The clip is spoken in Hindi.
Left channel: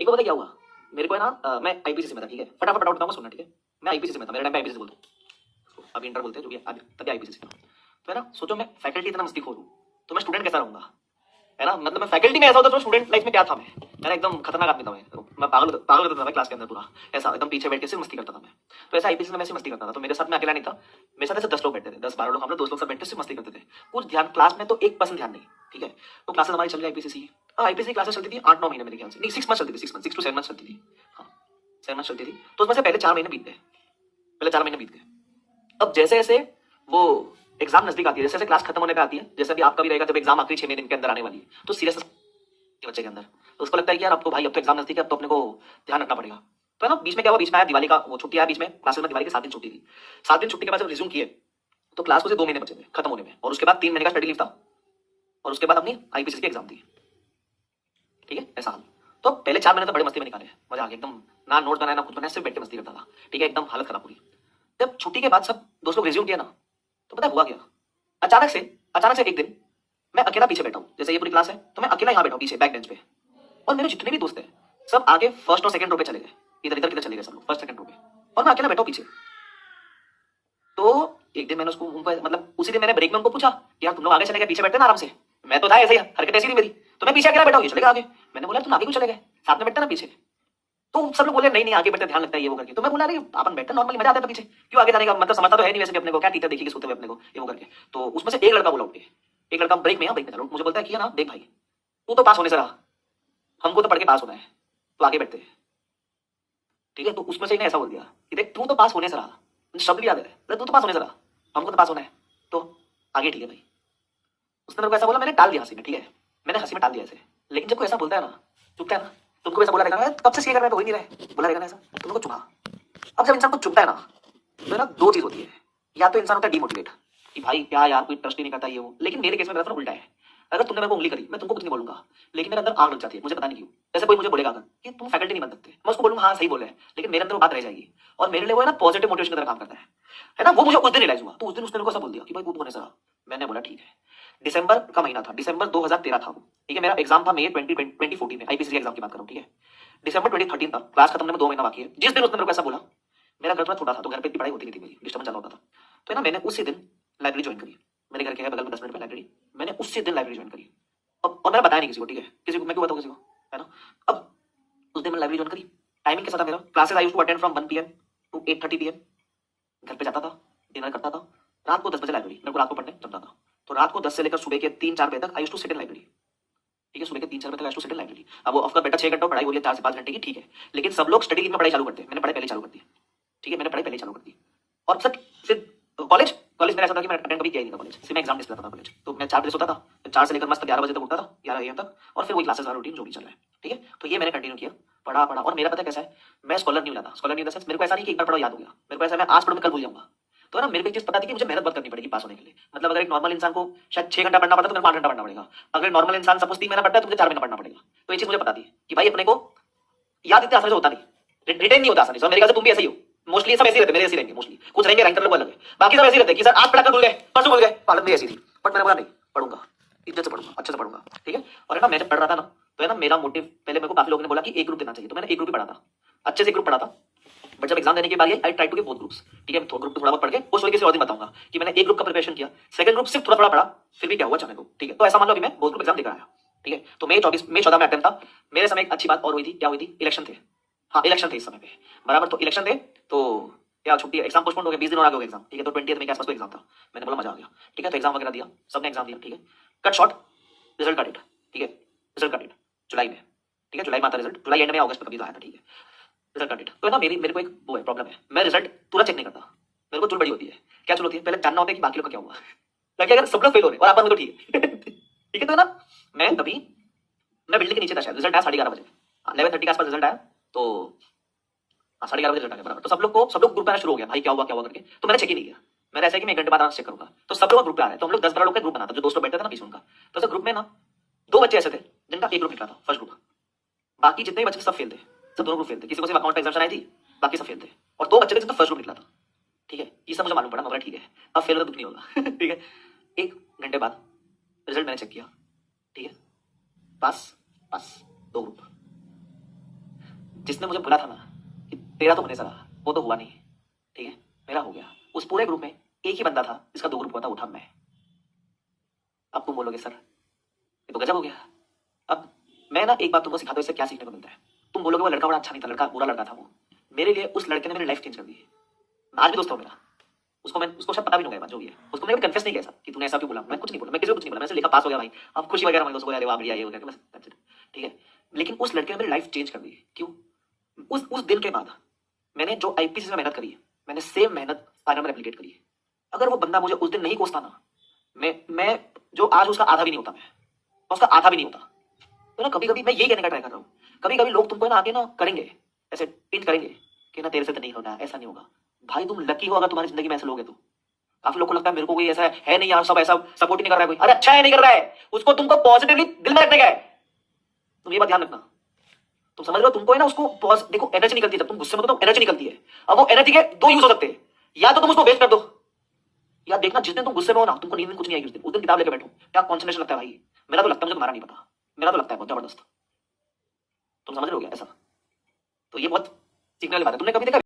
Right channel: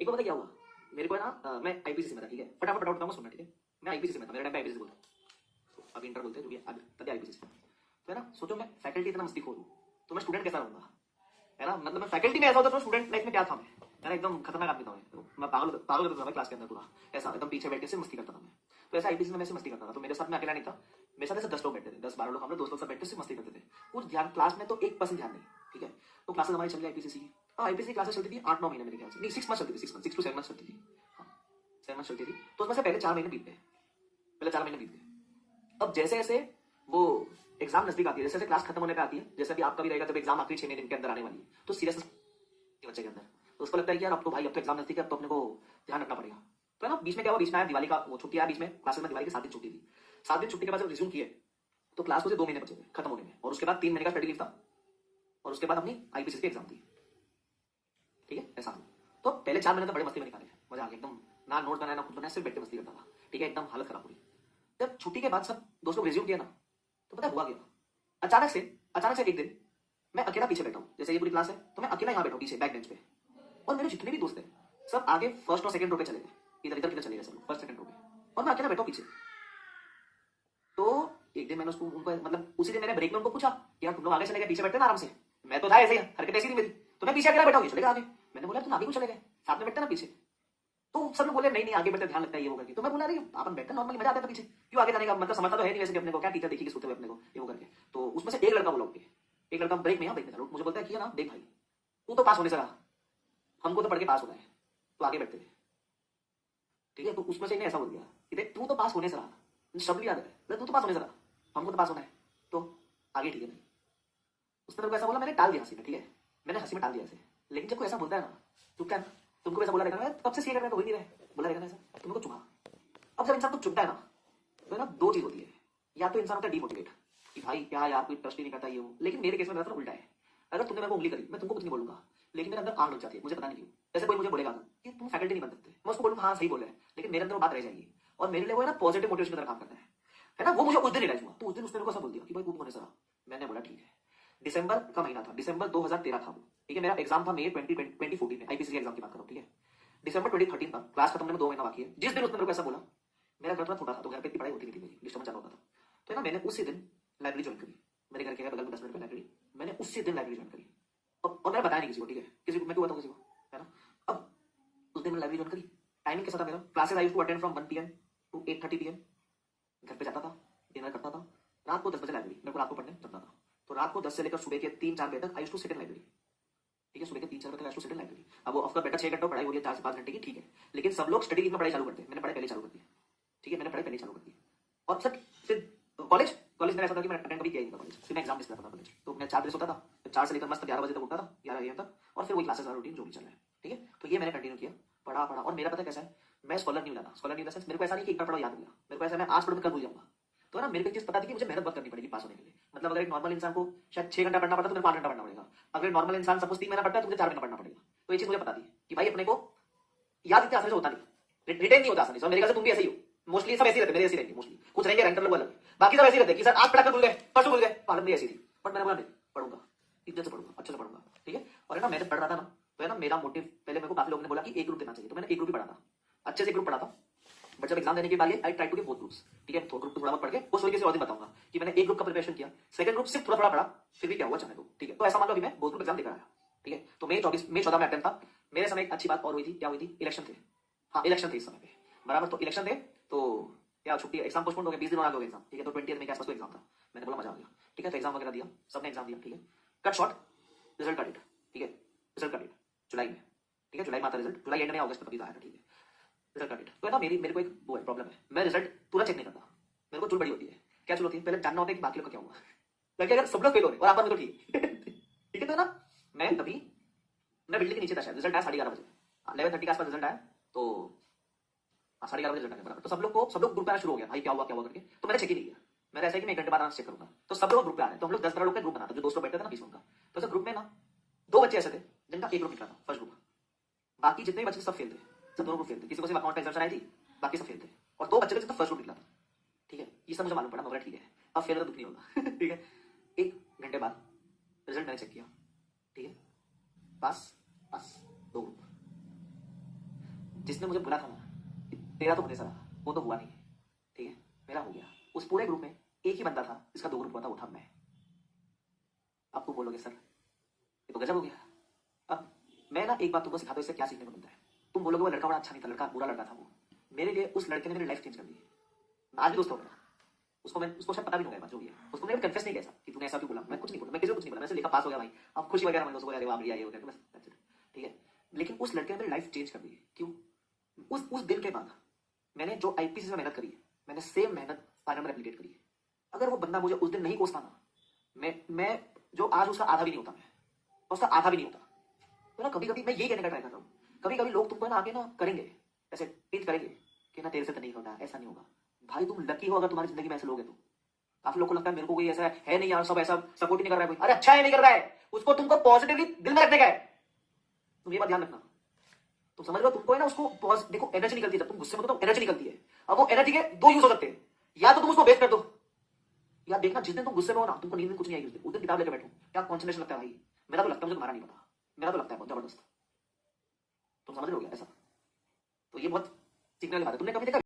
एक बार पता क्या हुआ, मेरे को है ना मैं आईपीसीसी में था, ठीक है, फटाफट बताऊंगा सुनना, ठीक है। मैं आईपीसीसी में था, मेरे टाइम पे आईपीसीसी बोलते हैं, अभी इंटर बोलते हैं, जो भी अभी तभी आईपीसीसी में। तो है ना, सोचो मैं फैकल्टी इतना मस्तीखोर हूँ, तो मैं स्टूडेंट कैसा रहूंगा, है ना। मतलब मैं फैकल्टी में ऐसा होता तो स्टूडेंट लाइफ में क्या था मैं एकदम खतरनाक आदमी था। मैं पागल पागल होता था मैं क्लास के अंदर पूरा, ऐसा एकदम पीछे बैठ के सिर्फ मस्ती करता था मैं। तो ऐसा आईपीसी में मैं सिर्फ मस्ती करता था, तो मेरे साथ में अकेला नहीं था, मेरे साथ ऐसे 10 लोग बैठते थे, 10-12 लोग, हम लोग दोस्त लोग सब बैठ के सिर्फ मस्ती करते थे। कुछ ध्यान क्लास में तो 1% ध्यान नहीं, ठीक है। तो क्लासेस हमारी चल रही आईपीसीसी, आईपीसी क्लासेस चलती थी 8-9 महीने मेरे ख्याल से, नहीं 6 मंथ चलती थी, 6 to 7 मंथ चलती थी, हाँ 7 मंथ चलती थी। तो उसमें से पहले 4 महीने बीत गए, पहले 4 महीने बीत गए। अब जैसे जैसे वो एग्जाम नजदीक आती है, जैसे जैसे क्लास खत्म होने का आती है, जैसे अभी आपका भी रहेगा, जब एग्जाम आखिरी 6 महीने के अंदर आने वाली है, तो सीरियस बच्चे के अंदर, तो उसको लगता है कि यार अब तो भाई अब तो एग्जाम नजदीक है, अब तो अपने को ध्यान रखना पड़ेगा। तो है ना, बीच में क्या हुआ, बीच में आया दिवाली का वो छुट्टी आया बीच में, क्लासेस में दिवाली के 7 दिन छुट्टी थी। 7 दिन छुट्टी के बाद जब रिज्यूम किए, तो क्लास को से 2 महीने बचे थे खत्म होने में, और उसके बाद 3 महीने का स्टडी लीव था, और उसके बाद अपनी आईपीसी की एग्जाम दी, ठीक है, ऐसा हाल। तो पहले 4 महीने तो बड़े मस्ती में निकाले, मजा आ गया एकदम, ना नोट बनाया ना खुद बनाया, सिर्फ बैठ के मस्ती करता था, ठीक है, एकदम हालत खराब पूरी। जब छुट्टी के बाद सब दोस्त लोग रिज्यूम किया ना, तो पता है हुआ क्या, अचानक से एक दिन मैं अकेला पीछे बैठा हूँ, जैसे ये पूरी क्लास है तो मैं अकेला यहाँ बैठा हूँ पीछे बैक बेंच पे, और मेरे जितने भी दोस्त हैं सब आगे फर्स्ट और सेकंड रो पे चले गए, इधर इधर किधर चले गए सब लोग फर्स्ट सेकंड रो पे, और मैं अकेला बैठा हूँ पीछे। तो एक दिन मैंने उनको मतलब उसी दिन मैंने ब्रेक में उनको पूछा, यार तुम लोग आगे चले गए, पीछे बैठते ना आराम से। मैं तो था ऐसे ही, हरकत ऐसी थी मेरी, तो मैं पीछे अकेला बैठा हूँ, ये चले गए आगे। मैंने बोला तुम आगे क्यों चले गए, साथ में बैठते ना पीछे। तो सब लोग बोले नहीं नहीं आगे बैठते ध्यान लगता है ये वो करके। तो मैं बोला अरे अपन बैठते नॉर्मली मजा आता है, पीछे क्यों आगे जाने का, मतलब समझता तो है नहीं वैसे भी अपने को, क्या टीचर देखेगी सोते हुए अपने को ये वो करके। तो उसमें से एक लड़का बोला उठ के, एक लड़का ब्रेक में था, मुझे बोलता है कि ना देख भाई, तू तो पास होने से रहा, हमको तो पढ़ के पास होना है, तो आगे बैठते हैं, ठीक है। तो उसमें से ऐसा बोल दिया कि देख तू तो पास होने से रहा, मुझे शब्द भी याद है, तू तो पास होने से रहा, हमको तो पास होना है, तो आगे ठीक है भाई। उसने मेरे को ऐसा बोला, मैंने टाल दिया हंसी में, ठीक है, मैंने हंसी में टाल दिया ऐसे। लेकिन जब कोई ऐसा बोलता है ना, चुपता है ना, तुमको ऐसा बोला रहेगा ना, कब से सीख कर रहे हो, हो ही नहीं रहे, बोला रहेगा ना ऐसा, तुमको चुभा। अब जब इंसान को चुभता है ना, तो ना 2 चीज होती है, या तो इंसान होता है डिमोटिवेट, कि भाई क्या यार कोई ट्रस्ट ही नहीं करता ये वो। लेकिन मेरे केस में मेरा उल्टा है, अगर तुमने मेरे को उंगली करी, मैं तुमको कुछ नहीं बोलूंगा, लेकिन मेरे अंदर आग लग जाती है, मुझे पता नहीं क्यों। जैसे कोई मुझे बोलेगा अगर कि तुम फैकल्टी नहीं बन सकते, मैं उसको बोलूंगा हाँ सही बोले, लेकिन मेरे अंदर वो बात रह जाएगी, और मेरे लिए वो है ना पॉजिटिव मोटिवेशन की तरह काम करता है ना। वो मुझे उस दिन रियलाइज हुआ, तो उस दिन उसने मेरे को ऐसा बोल दिया कि भाई तू होने से रहा। मैंने बोला ठीक है। दिसंबर का महीना था, दिसंबर 2013 था वो, ठीक है, मेरा एग्जाम था मई 2014 में, आईपीसी एग्जाम की बात कर रहा हूँ, ठीक है। दिसंबर 2013 था, क्लास खत्म होने में 2 महीना बाकी है। जिस दिन उसने मेरे को ऐसा बोला, मेरा घर थोड़ा छोटा था, तो घर पे इतनी पढ़ाई होती नहीं थी मेरी, डिस्टर्बेंस ज्यादा होता था। तो ना मैंने उसी दिन लाइब्रेरी ज्वाइन करी, मेरे घर के है बगल में 10 मिनट में लाइब्रेरी, मैंने उसी दिन लाइब्रेरी ज्वाइन करी। अब और मैंने बताया नहीं किसी को, ठीक है, किसी को मैं क्यों बताऊँ किसी को, है ना। अब उस दिन मैंने लाइब्रेरी ज्वाइन करी, टाइमिंग कैसा था मेरा, classes I used to attend from 1 PM to 8:30 PM, घर पे जाता था, डिनर करता था, रात को 10 बजे लाइब्रेरी, मेरे को रात को पढ़ने जमता था, तो रात को 10 से लेकर सुबह के 3-4 बजे तक I used to sit in library, ठीक है, सुबह के 3-4 बजे तक I used to sit in library. अब वो ऑफकोर्स बेटा 6 घंटा पढ़ाई हो रही है, 4 से 5 घंटे की, ठीक है, लेकिन सब लोग स्टडी लीव में पढ़ाई चालू करते हैं, मैंने पढ़ाई पहले चालू कर दी, ठीक है, मैंने पढ़ाई पहले चालू कर दी। और सर फिर कॉलेज कॉलेज मेरा ऐसा था कि मैं अटेंड कभी किया ही नहीं था कॉलेज, सिर्फ मैं एग्जाम देता था कॉलेज। तो मैं 4 बजे सोता था, फिर 4 से लेकर मस्त 11 बजे तक उठता था, 11 AM तक, और फिर वही क्लासेस वाला रूटीन जो भी चल रहा है, ठीक है। तो ये मैंने कंटिन्यू किया, पढ़ा पढ़ा, और मेरा पता कैसा है, मैं स्कॉलर नहीं होता, स्कॉलर नहीं इन द सेंस मेरे को ऐसा नहीं कि एक बार पढ़ो याद हो गया, मेरे को ऐसा मैं आज पढ़ूँ कल भूल जाऊंगा। तो है ना, मेरे को एक चीज पता थी कि मुझे मेहनत बहुत करनी पड़ेगी पास होने के लिए। मतलब अगर एक नॉर्मल इंसान को शायद 6 घंटा पढ़ना पड़ता है, तो मेरे को 8 घंटा पढ़ना पड़ेगा। अगर नॉर्मल इंसान सपोज 3 महीना पढ़ता है, तो मुझे 4 महीना पढ़ना पड़ेगा। तो ये चीज मुझे पता थी कि भाई अपने को याद इतने आसानी से होता नहीं, रिटेन नहीं होता आसानी से। मेरे ख्याल से तुम भी ऐसे ही हो, मोस्टली सब ऐसे ही रहते, मेरे ऐसे ही रहेंगे मोस्टली, कुछ रहेंगे रैंकर लोग अलग है, बाकी सब ऐसे ही रहते कि सर आज पढ़ा कर भूल गए, परसों भूल गए, पालन भी ऐसी थी। बट मैंने बोला नहीं, पढ़ूंगा, इज्जत से पढ़ूंगा, अच्छे से पढ़ूंगा, ठीक है। और है ना, मैं जब पढ़ रहा था ना, तो है ना मेरा मोटिव, पहले मेरे को काफी लोगों ने बोला कि एक ग्रुप देना चाहिए, तो मैंने एक ग्रुप ही पढ़ा था, अच्छे से एक ग्रुप पढ़ा था। बट जब एग्जाम देने के बाद I try to give both groups, ठीक है, ग्रुप थोड़ा बहुत पढ़ के वो स्टोरी किसी और दिन बताऊंगा कि मैंने एक ग्रुप का प्रिपरेशन किया, सेकंड ग्रुप सिर्फ थोड़ा थोड़ा पढ़ा, फिर भी क्या हुआ चाहे को, ठीक है। तो ऐसा मान लो अभी मैं बोथ ग्रुप एग्जाम देकर आया, ठीक है। तो मई 14 में अटेम्प्ट था। मेरे समय एक अच्छी बात और हुई थी, क्या हुई थी, इलेक्शन थे, हाँ इलेक्शन थे इस समय पे बराबर। तो इलेक्शन थे, तो क्या छुट्टी, एग्जाम पोस्टपोन हो गया, 20 दिन और आगे हो गया एग्जाम, ठीक है। तो 20 मई के आसपास को एग्जाम था, मैंने बोला मजा आ गया, ठीक है। तो एग्जाम वगैरह दिया, सबने एग्जाम दिया, ठीक है। कट शॉर्ट, रिजल्ट का डेट, ठीक है, रिजल्ट का डेट जुलाई में, ठीक है, जुलाई में आता रिजल्ट, जुलाई एंड में अगस्त में कभी तो आया था, ठीक है, रिजल्ट का डेट। तो है ना मेरे को एक वो है प्रॉब्लम है, मैं रिजल्ट तुरंत चेक नहीं करता, मेरे को चुल बड़ी होती है। क्या चुल होती है, पहले जानना होता है कि बाकी लोग का क्या हुआ, ताकि अगर सब लोग फेल हो रहे और अपन तो ठीक है ठीक है। तो है ना, मैं तभी मैं बिल्डिंग के नीचे था, शायद रिजल्ट आया 11:30 बजे, 11:30 के आसपास रिजल्ट आया, तो हाँ 11:30 बजे रिजल्ट आ गया बराबर। तो सब लोग ग्रुप पे आना शुरू हो गया, भाई क्या हुआ करके। तो मैंने चेक ही नहीं किया, मैंने ऐसा है कि मैं 1 घंटे बाद आना चेक करूंगा। तो सब लोग ग्रुप पे आ रहे हैं, तो हम लोग 10-12 लोग का ग्रुप बना था, जो दोस्तों बैठते थे ना बीच में उनका। तो ग्रुप में ना 2 बच्चे ऐसे थे जिनका एक ग्रुप निकला था, फर्स्ट ग्रुप, बाकी जितने भी बच्चे सब फेल थे, सब दोनों ग्रुप फेल थे, किसी को सिर्फ अकाउंट का एग्जाम आई थी, बाकी सब फेल थे। और 2 बच्चे थे जिनका फर्स्ट ग्रुप निकला था, ठीक है। ये सब मुझे मालूम पड़ा, मैं बोला ठीक है अब फेल हो तो दुख नहीं होगा ठीक है। 1 घंटे बाद रिजल्ट मैंने चेक किया, ठीक है, पास पास 2 ग्रुप, जिसने मुझे बोला था ना कि तेरा तो होने सा रहा, वो तो हुआ नहीं, ठीक है, मेरा हो गया। उस पूरे ग्रुप में एक ही बंदा था जिसका 2 ग्रुप हुआ था, वो था मैं। अब तुम बोलोगे सर ये तो गजब हो गया। अब मैं ना एक बात तुमको सिखाता हूँ, इससे क्या सीखने को मिलता है। तुम बोलोगे वो लड़का बड़ा अच्छा नहीं था, लड़का बुरा लड़का था वो। मेरे लिए उस लड़के ने मेरी लाइफ चेंज कर दी है। आज भी दोस्त हो मेरा। उसको शायद पता भी नहीं होगा जो भी है। उसको मैंने कन्फेस नहीं किया ऐसा कि तूने ऐसा क्यों बोला। मैं कुछ नहीं बोला, मैं किसी को कुछ नहीं बोला, मैं सिर्फ लिखा पास हो गया भाई। अब खुशी वगैरह मान लो, उसको अरे वाह बढ़िया ये हो गया बस, that's it, ठीक है। लेकिन उस लड़के ने मेरी लाइफ चेंज कर दी है। क्यों? उस दिन के बाद मैंने जो आईपीसी में मेहनत करी है, मैंने सेम मेहनत फाइनल में रेप्लिकेट करी है। अगर वो बंदा मुझे उस दिन नहीं कोसता ना, मैं जो आज उसका आधा भी नहीं होता, मैं उसका आधा भी नहीं होता। तो ना कभी कभी मैं यही कहने का ट्राई कर रहा हूँ, कभी कभी लोग तुमको ना आगे ना करेंगे, ऐसे टिंट करेंगे कि ना तेरे से तो नहीं होगा, ऐसा नहीं होगा। भाई तुम लकी हो अगर तुम्हारी जिंदगी में ऐसे लोग हैं तो। काफी लोग को लगता है मेरे को कोई ऐसा है नहीं यार, सब ऐसा सपोर्ट ही नहीं कर रहा है कोई। अरे अच्छा है नहीं कर रहा है, उसको तुमको पॉजिटिवली दिल में रखने का है। तुम ये बात ध्यान रखना। तुम समझ रहे हो, तुमको है ना उसको देखो एनर्जी निकलती है जब तुम गुस्से में हो, तो एनर्जी निकलती है। अब वो एनर्जी के 2 यूज हो सकते हैं, या तो तुम उसको वेस्ट कर दो, या देखना जिस दिन तुम गुस्से में हो ना, तुमको नींद में कुछ नहीं आएगी उस दिन किताब लेकर बैठो, क्या कॉन्सेंट्रेशन लगता है भाई। मेरा तो लगता है, मुझे तुम्हारा नहीं पता, मेरा तो लगता है बहुत जबरदस्त। तुम समझ रहे हो क्या ऐसा? तो ये बहुत सीखने वाली बात है। तुमने कभी देखा